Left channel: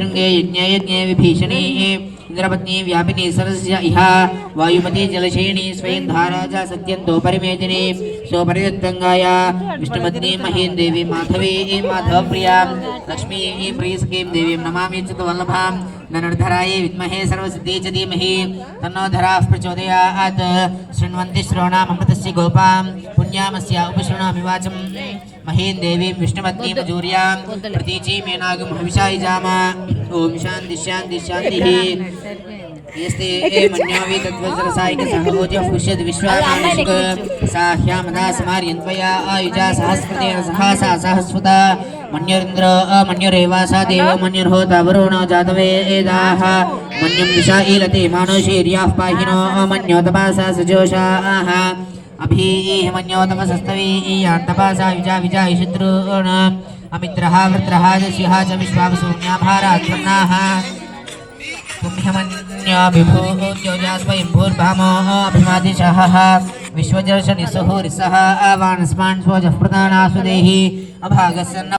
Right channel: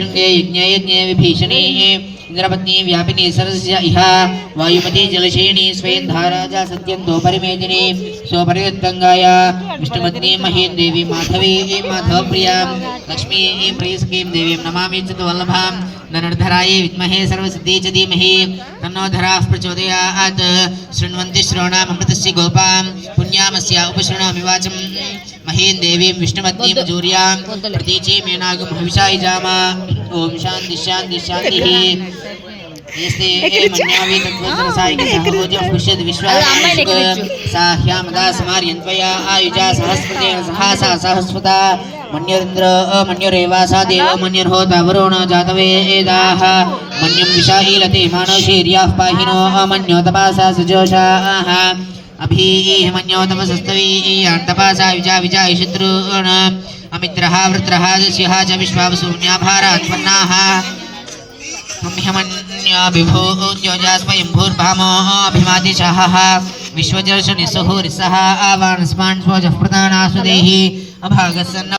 यज्ञयज्ञे विभीषणी इन्द्रपत्नी व्यापिनी सरस्य इह वायुमती जलशयिनी स्वयं धाराजा सत्यन्तो परिमेदिनी स्वपरियुत्तङ्गाय विष्णुपत्नी महीं देवी माधवी माधवप्रियाँ लक्ष्मी प्रियसखीं देवीं नमामि चित्तवल्लभां ननर्धरायै विद्महे सर्वसिद्धि च धीमहि तन्नो धराः प्रचोदयात्, शृण्वन्ति श्रवणामृतस्य गोपां, पुण्यामस्य उपशृणामि वाचं महीं देवीं विष्णुपत्नीं जूर्यां प्रतीचि मेनागं हविषाय जामा ॐ शान्ति शान्ति, शान्तिः। मन्युरिन्द्र मन्युरेवासा देव मन्युर्होता वरुणो जातवेदाः मन्युं विशाईलते मानशीर्याः पाहिनो मन्योतपासा सजोषाः अभीमन्योतमसस्तवीयान्तपासा विजा विजायिषितॄन् अमित्रः वृत्रः दस्यः च विश्वावसून्याभारात्पन्नाः पुण्यमन्याभिभूत्योजा स्वयंभूर्भामो अभिमादिशः विश्वजर्षनिसुहुरिसः आवानस्मान् स्वजः प्रदानासुदेहि। अभागसन्न